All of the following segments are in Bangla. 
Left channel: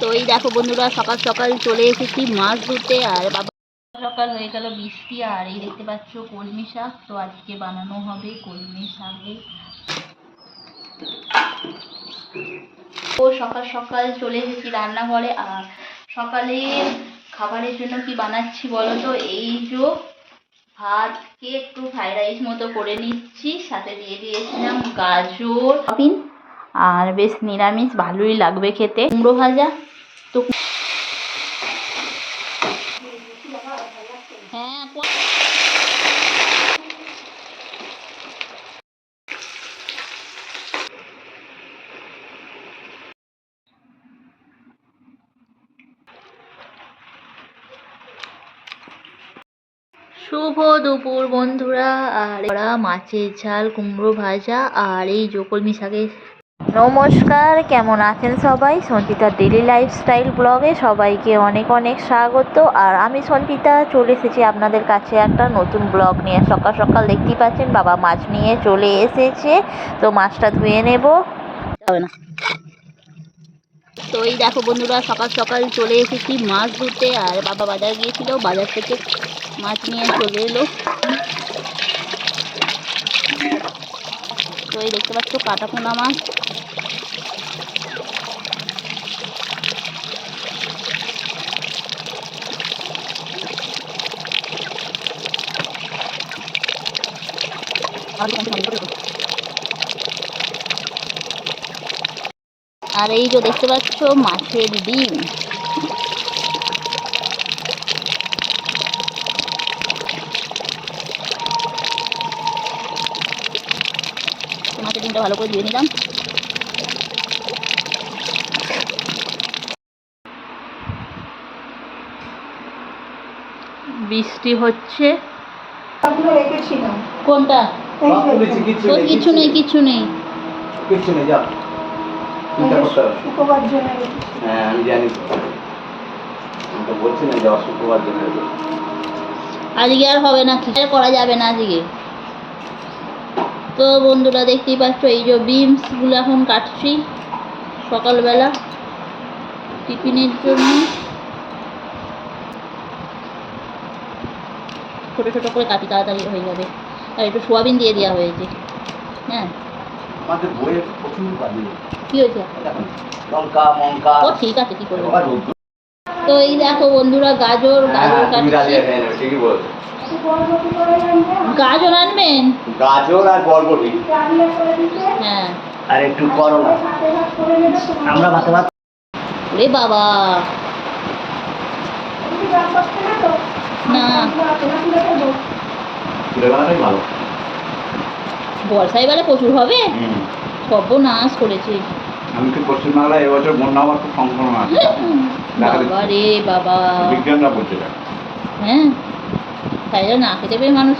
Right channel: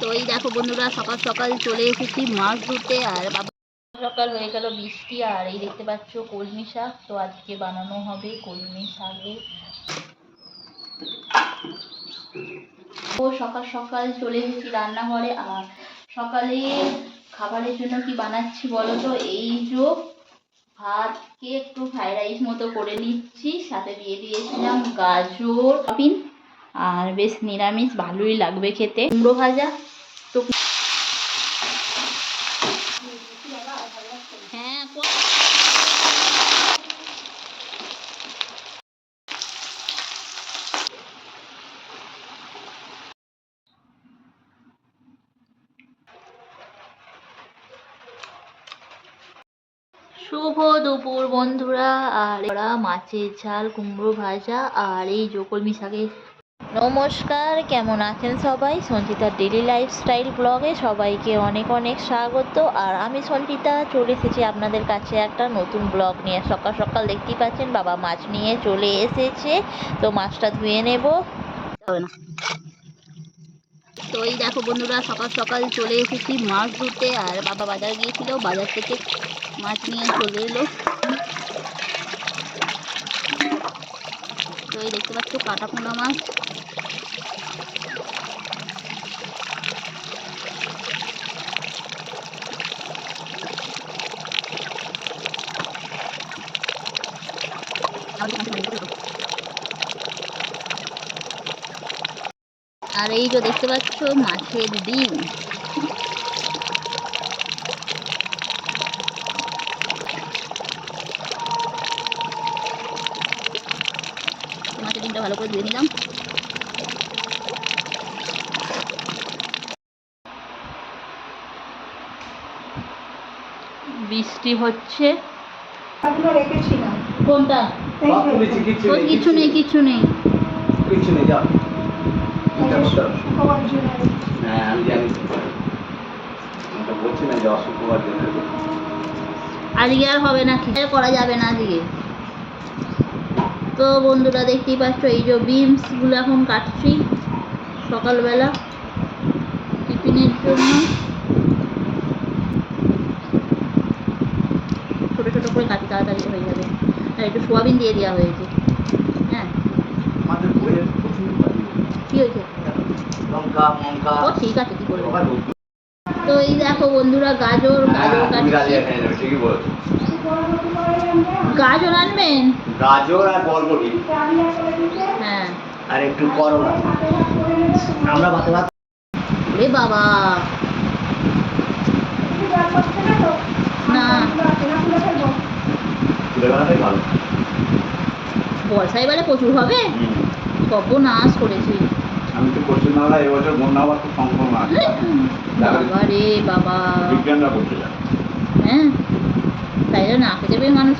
তো এই দেখো বন্ধুরা, সকাল সকাল চলে এসেছি মাছ ধরতে। আর বাবা সকাল হয়ে গেল বৃষ্টি। আর এই দেখতে পাচ্ছ কলমি শাক, তো আজকে বানানো হবে কলমি শাকে। তো সকাল সকাল চলে এসেছি রান্নাঘরে। আর সকালে খাবারের জন্য কি বানাচ্ছি বলো তো? এই যে ভাতকে একটু ফ্রাইড রাইস মতো করে নিচ্ছি, সাথে দিয়ে দিয়েছিলাম গাজর আর বেশ নিরামিষ, ভালোই লাগবে খেতে। কুমড়ো ভাজা। তো হ্যাঁ, শুভ দুপুর বন্ধুরা। আর ওরা মাছের ঝাল, কুমড়ো ভাজা আর এই কলমি শাকের। নমস্কার, কেমন আছেন সবাই? সঞ্চিতার ডেলি লাইফস্টাইল ব্লগে সবাইকে অনেক অনেক স্বাগত। আর আমি সঞ্চিতা চলে এসেছি আপনাদের কাছে একটা নতুন ব্লগ নিয়ে। সকাল সকাল দেখতেই পাচ্ছেন বাবা মাছ নিয়ে চলে এসেছে, তো মাছটা ধুয়ে নেব। তো এই দেখো বন্ধুরা, সকাল সকাল চলে এসেছি মাছ ধরতে। আর বাবা বাজার গিয়েছিল, বাজার থেকে মাছ নিয়ে চলে এলো। তো এই দেখতে পাচ্ছ কাটাপোনা মাছ। আর এই যে দেখতে পাচ্ছ মাছের ডিম। মাছের ডিমটা ভালো করে ধুয়ে নিলাম। বৃষ্টি হচ্ছে। কোনটা? কিছু নেই, কিছু নেই, কিছু নেই। যাও, হ্যাঁ আমি জানি, বলছি না যাওয়া শুক্রবার জন্য। আজকে আর হবে না, কি করা যাবে না আজকে। তো বন্ধুরা দেখতেই পাচ্ছ এই যে বিনসগুলো এখন কাটছি সকালবেলা টিফিনের জন্য। ছোটো ছোটো করে কাটি, তাড়াতাড়ি হয়ে যাবে। আর একটু সোয়াবিন দিয়ে দেওয়া হয়েছে। হ্যাঁ, কি হয়েছে? ও ঠিক আছে, কি করবো। তো এই দেখো বন্ধুরা, গাজর কাটছি। গাজর আনবেন? গাজর আর বরবটি, হ্যাঁ, আর একটু করলা। আমরা ভাতে ভাত। ওরে বাবা, না বর্ষায় এবারে প্রচুর হবে। সর্বনাশ করেছি। আমি তো পশ্চিমবাংলায় এবছর বন্যা হওয়ার খুব সম্ভাবনা আছে। বাবা রে বাবা, বিজ্ঞানরা বলছে। হ্যাঁ, তাই না খেতে পেয়ে মানুষ।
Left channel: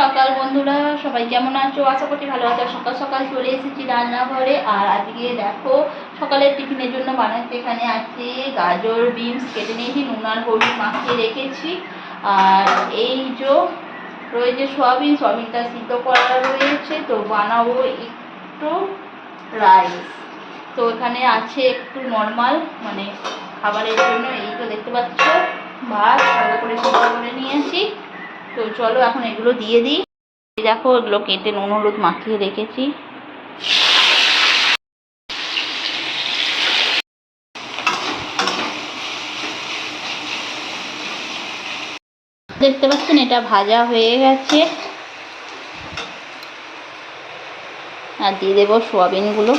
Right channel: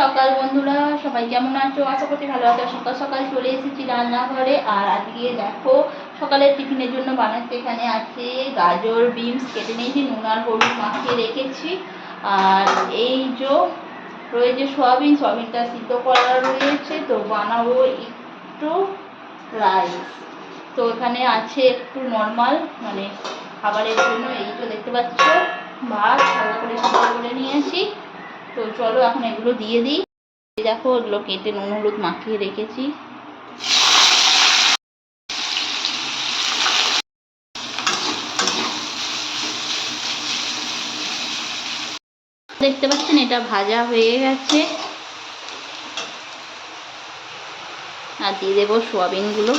সকাল বন্ধুরা সবাই কেমন আছো? আশা করছি ভালো আছো। সকাল সকাল চলে এসেছি রান্নাঘরে। আর আজকে দেখো সকালের টিফিনের জন্য বানাতে এখানে আছে গাজর, বিনস কেটে নিয়েছি, নুন আর হলুদ মাখিয়ে রেখেছি। আর এই যে রয়েছে সোয়াবিন, সোয়াবিনটা সিদ্ধ করা রয়েছে। তো বানাবো একটু রাইস। তো এখানে আছে একটু নর্মাল মানে খাবারের জন্য। এই তো দেখতে পাচ্ছ ভাত হালকা করে সিদ্ধ করে নিয়েছি। তো চলো এখন এগুলো দিয়ে দিই। দেখো এগুলো কেটে নুন হলুদ মাখিয়ে রেখেছি। দেখতে পাচ্ছেন এটা ভাজা হয়ে গেছে। আর দিয়ে দেবো সোয়াবিনগুলো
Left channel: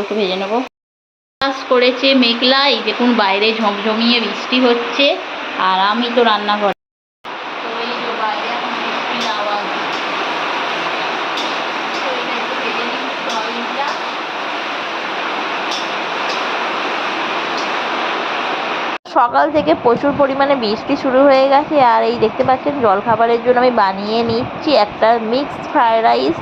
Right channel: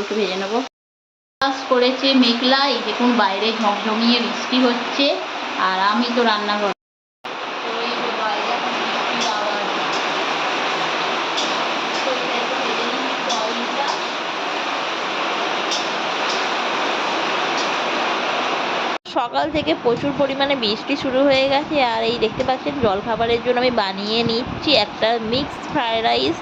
একটু ভেজে নেবো। চাষ করেছে মেঘলা, এই দেখুন বাইরে ঝমঝমিয়ে বৃষ্টি হচ্ছে। আর আমি তো রান্নাঘরে। তো এই যে বাইরে এখন বৃষ্টির আওয়াজ। সকাল থেকে প্রচুর পরিমাণে বৃষ্টি শুরু হয়ে গেছে। আর এই দেখতে পাচ্ছেন জলখাবারের জন্য আমি বানিয়ে নিচ্ছি একটা মিক্সড ফ্রাইড রাইস।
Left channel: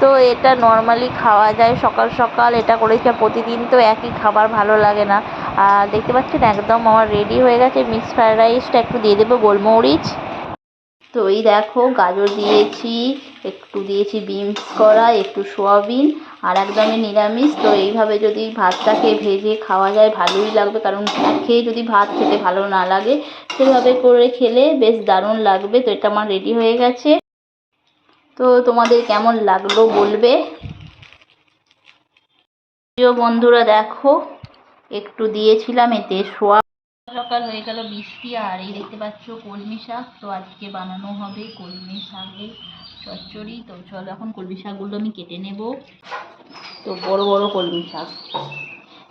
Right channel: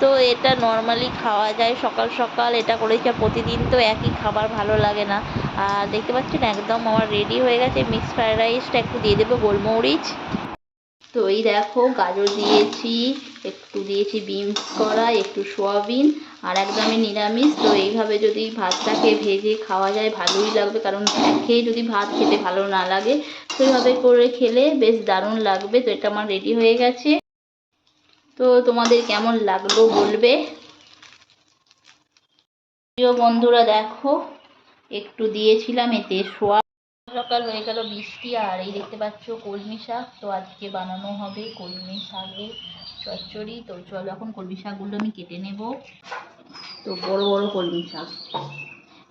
তো এটা নর্মালি খাওয়া যায় সকাল সকাল, এটা করেছি। প্রতিদিন তো একই খাবার ভালো লাগে না। আর দেখতে পাচ্ছেন একদম আমার রেডি হয়ে গেছে মিক্সড ফ্রাইড রাইসটা। একটু দিয়ে দেবো গোলমরিচ। তো এই দেখো গাজর দিয়েছি, একটু দিয়েছি বিনস করা, একটু সোয়াবিন আর একদমই নিরামিষ। তো এইভাবে যদি ভাতটাকে ভেজে খাওয়া যায় ভালোই লাগবে, কারণ খেয়ে যদি ভাত খেতে ভালো না লাগে সেভাবে করে খেলে বেশ দারুণ লাগবে। তো এটা আমার রেডি হয়ে গেছে। তো তোমাদের কেমন লাগলো বলবে। প্রিয় বন্ধুরা দেখো, একটু দিয়েছিলাম এতে সোয়া। সকাল হয়ে গেল বৃষ্টি, আর এই দেখতে পাচ্ছ কলমি শাক। তো আজকে বানানো হবে কলমি শাকের চচ্চড়ি। তো চলো এখন কলমি শাকগুলো আমি কেটে নেব। তো বড় বড় কলমি শাক,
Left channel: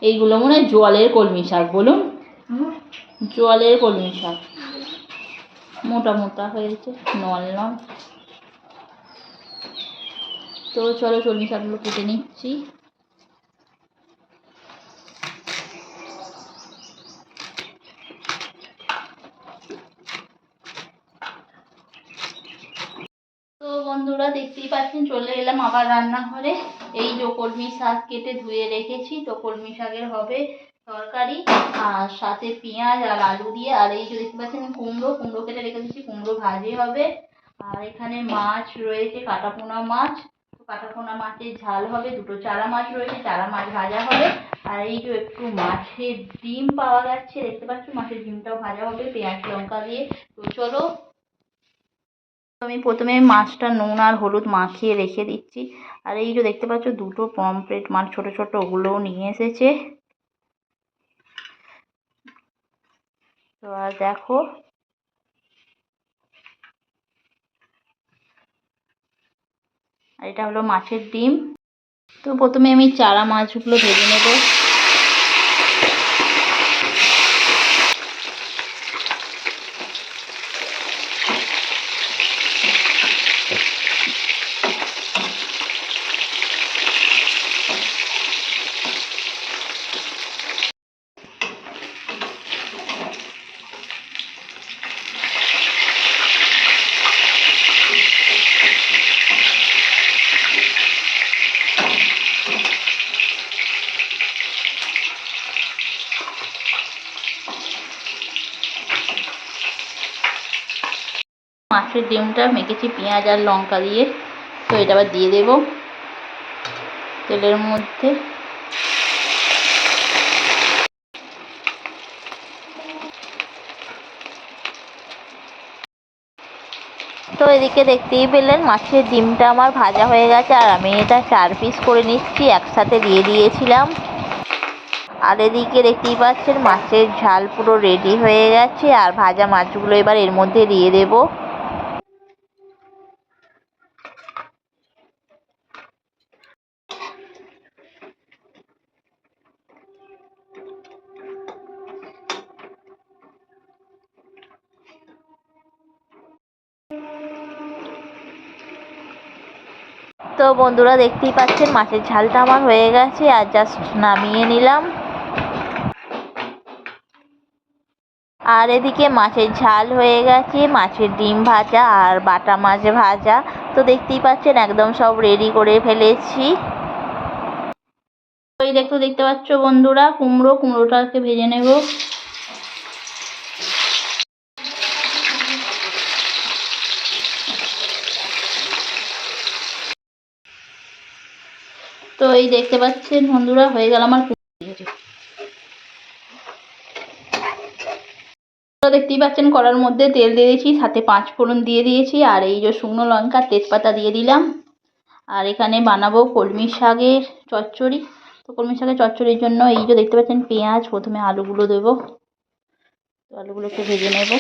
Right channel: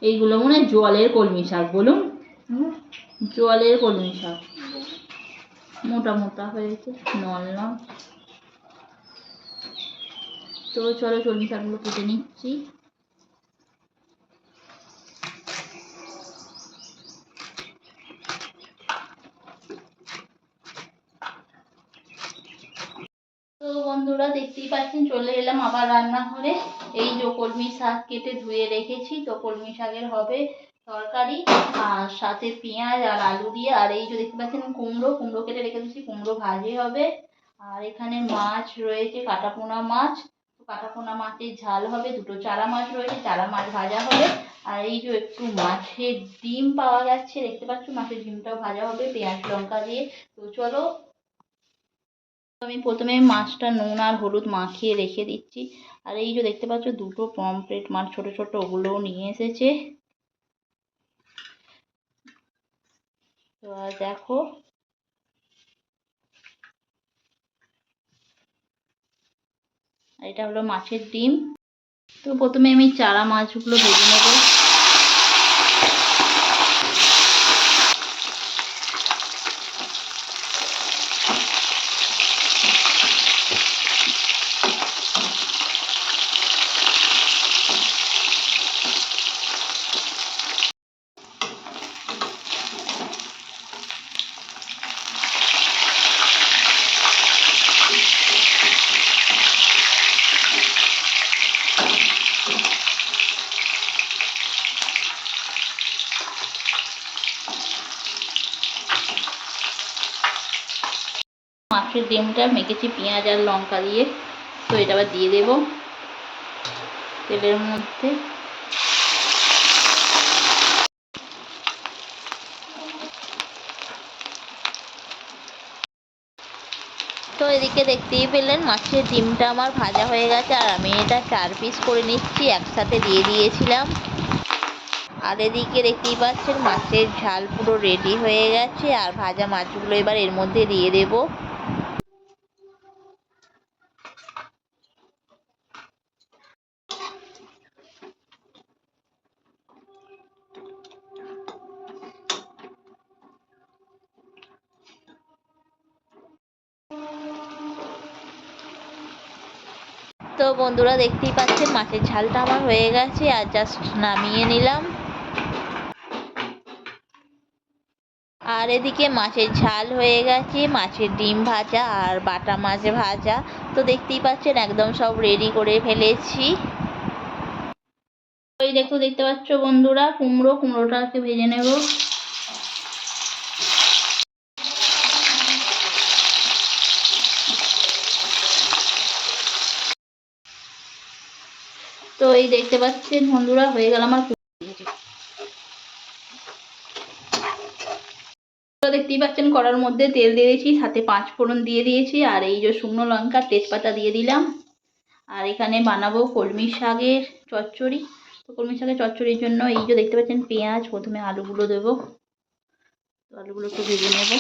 এইগুলো মনে হয় জলের কলমি শাক, বলুন জলের কলমি শাক, মোটা মোটা হয়েছে, নল নল। তো চলো কলমি শাকগুলো কেটে নিচ্ছি। তো বন্ধুরা দেখতেই পাচ্ছেন চলে এলাম আবার রান্নাঘরে। এই যে কলমি শাক কেটে ধুয়ে রেখেছি। তো কলমি শাকের হবে তরকারি, আর সাথে পেঁয়াজ আর আলু দিয়ে। আর এই যে দেখতে পাচ্ছেন কুমড়ো কেটে রেখে দিচ্ছি, কুমড়ো ভাজি হবে। আর এখানে মাছ রয়েছে, কাটাপোনা মাছ। কাটাপোনা মাছের ঝাল হবে। দুটো চারা মাছ রয়েছে, চারা মাছ ভাজা হবে। আর এই যে একটু মাছের ডিম পাওয়া যাচ্ছে, দেখতে পাচ্ছ মাছের ডিমটাও ভাজা হবে পেঁয়াজ লঙ্কা দিয়ে। তো চলো আমি প্রথমে মাছটা নুন আর হলুদ মাখিয়ে রেখে দিচ্ছি। আর এই যে দেখতে পাচ্ছ দুটো পমফ্রেট মাছ ছোট ছোট, ওগুলোও নিয়ে এসেছে। তো আর দেখো, আর এটা হলো মাছের ডিম। তো প্রথমে আমি চারা মাছগুলো ভেজে নেব। মাছের ডিমটা মেখেছি পেঁয়াজ আর লঙ্কা দিয়ে। তো এটা আবার দিয়ে দেব তেলের মধ্যে। তো এদিকে দেখতেই পেলেন মাছের ডিমটা আমার ভাজা হয়ে গেছে, আর আমি এটা 4 পিস করে নিচ্ছি, একসাথে দিয়ে দিয়েছিলাম। আর এদিকে দেখতেই পাচ্ছেন মাছের ঝাল পুরো রেডি হয়ে গেছে, আর ভাজা মাছগুলো এবার এর মধ্যে দিয়ে দেব। তো বন্ধুরা দেখতেই পাচ্ছেন মাছের ঝালটা আমার হয়ে গেছে, আর জাস্ট নামিয়ে নিলাম। আর এদিকে মাছের ঝাল হয়ে গেছে, মাছের ডিম ভাজা আর বাটা মাছ ভাজা। তো দেখতেই পাচ্ছেন একদম সব রেডি করে ফেলেছি। ওই দেখতে পাচ্ছ বন্ধুরা কুমড়োটাকে ভেজে নেব। তো এই দেখতে পাচ্ছেন বন্ধুরা হয়ে গেল আমার। তো দেখতেই পাচ্ছেন কড়ার মধ্যে তেল দিয়ে দিয়েছি, সাথে 5 ফোড়ন দিয়ে দিয়েছি, আর এই যে শুকনো লঙ্কা তেজপাতা দিয়ে দিলাম। আর এখানে বানাবো কলমি শাকের চচ্চড়ি। তো কলমি শাকের চচ্চড়ির জন্য এই যে দেখতে পাচ্ছেন পেঁয়াজ, প্রথমে আলুগুলো দেবো। তো আলুগুলো একটু ভেজে নেব।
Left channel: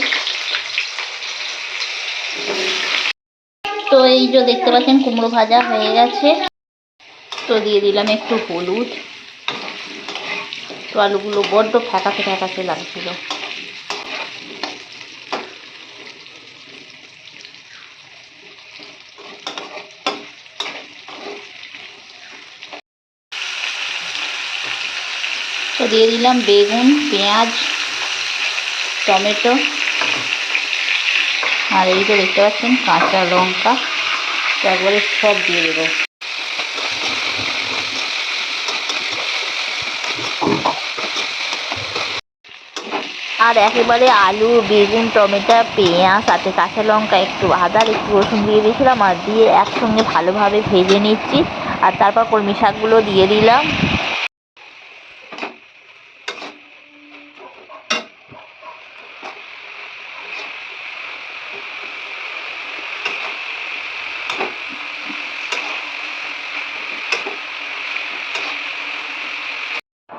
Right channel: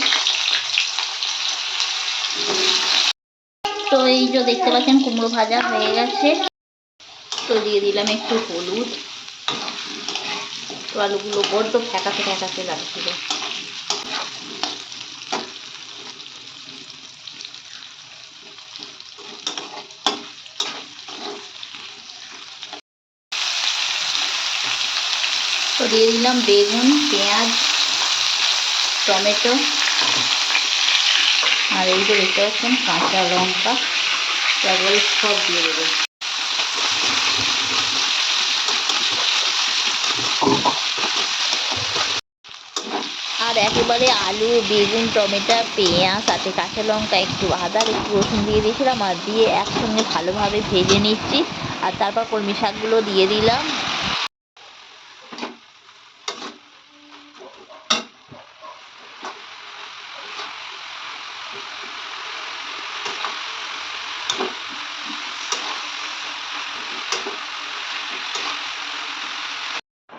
তো এই যে দেখতে পাচ্ছেন কুমড়ো ভাজা হয়ে গেছে। তো দিয়ে দিলাম একটু হলুদ। তো আলুগুলো বড্ড ফ্যাকাশে ফ্যাকাশে লাগছিল। তো দিয়ে দিলাম বেগুন, পেঁয়াজ, টমেটো, আর এই যে দেখতে পাচ্ছেন কাঁচা লঙ্কা। একবারে সব দিয়ে দেবো। আর একেবারে আলু, বেগুন, টমেটো, পেঁয়াজ, সাথে কাঁচা লঙ্কা, একটু আদা, একটু রসুন দিয়ে দিয়েছিলাম, আর দিয়ে একসঙ্গে ভালোভাবে ভেজে নিচ্ছি। আর তারপর কলমি শাকগুলো দিয়ে দিলাম।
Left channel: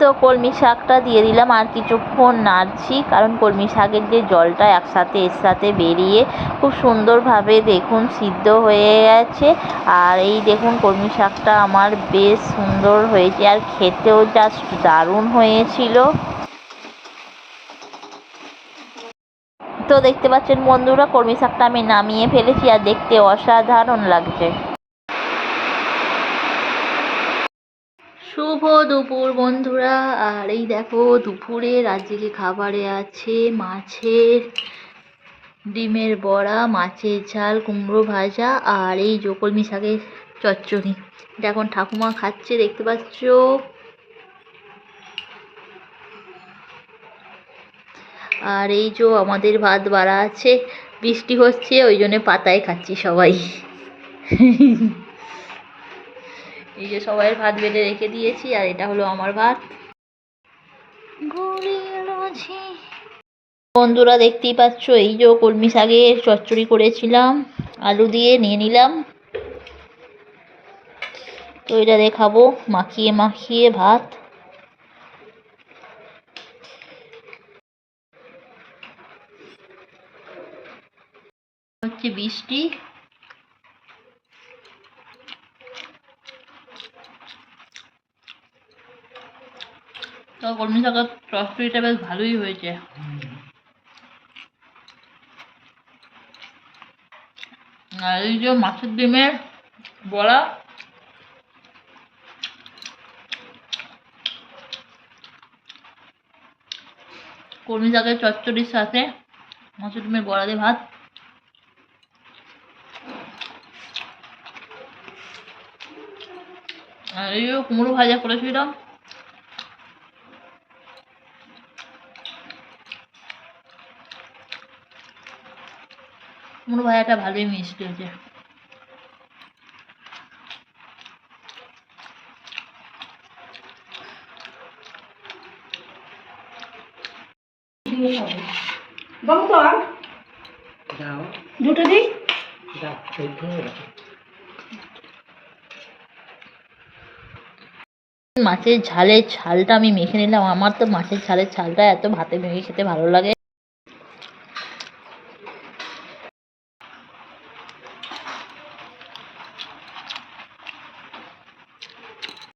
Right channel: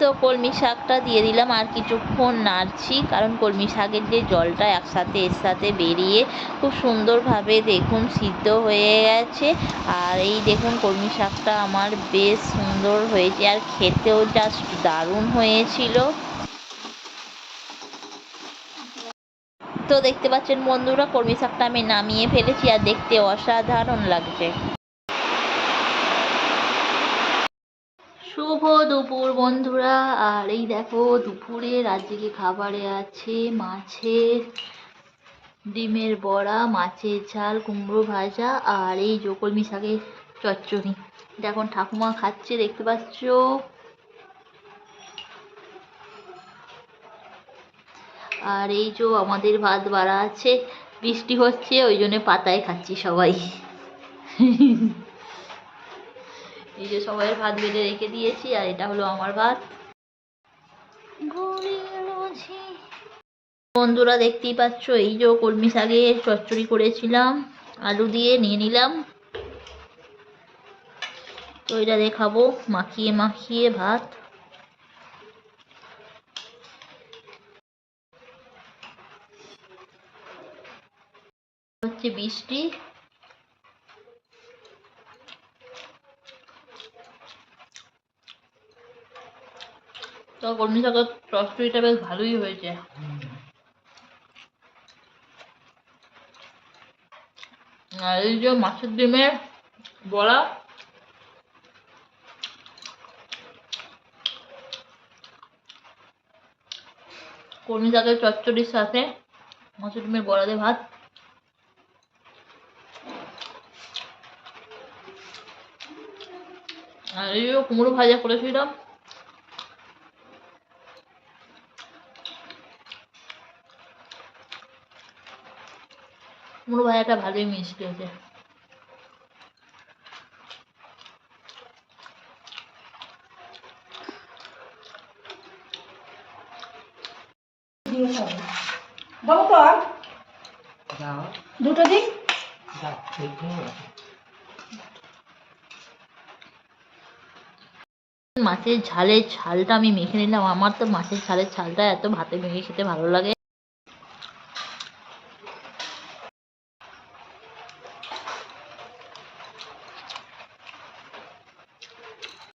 তো কলমি শাকটা দিয়ে দিলাম, আর কিছুক্ষণ নাড়ছি, কারণ কলমি শাকের যে জলটা একসাথে এর সাথে বেরিয়ে খুব সুন্দরভাবে দেখুন সিদ্ধ হয়ে গেছে। আর এই দেখুন কলমি শাকটা আমার বেশ সুন্দর হয়েছে, আর খেতেও জাস্ট দারুণ হয়েছিল। তো দেখতে পাচ্ছেন বন্ধুরা, কলমি শাকটা আমি নামিয়ে ফেলেছি, আর দেখতে অসাধারণ লাগছে। শুভ দুপুর বন্ধুরা। আর এই দেখো দুপুরের আজকে খাবারে আছে মাছের ডিমের বড়া, মাছের ঝাল, কুমড়ো ভাজা, আর এই যে কলমি শাকের চচ্চড়ি। এটা এখন ঠাকুমা খাচ্ছে, দেখতে পাচ্ছ। আর এই যে আমাদের ভাত বাড়া আছে, বৃষ্টি হচ্ছে ওই জন্য পাতায় খাচ্ছি সবাই। এই যে সবাইয়ের ভাত বেড়ে রেখে দিয়েছি, আর এটা হলো আমার ভাত। বন্ধুরা দেখতেই পাচ্ছ, এই যে কলমি শাকের চচ্চড়ি করেছিলাম, আলু দিয়ে নিয়ে নিলাম। তো এটা দিয়ে খাবো মাখিয়ে মাখিয়ে ভাত। হচ্ছে বৃষ্টি। তো কলমি শাকের চচ্চড়িটা বেশ ভালোই হয়েছে। আর এই যে মাছের ডিমের বড়া, কলমি শাকের চচ্চড়ির সাথে মাছের ডিমের বড়া দিয়ে ভাত। আর এই যে কুমড়ো ভাজা করেছিলাম। কুমড়ো ভাজাটা ভালোই মিষ্টি হয়েছে। দুটো দিই। মাছের ঝালের ঝালটা আমি মেখে নিলাম। আমার তো মাছের ঝালের ঝালটা এত ভাতে মেখে খেতে ভালো লাগে।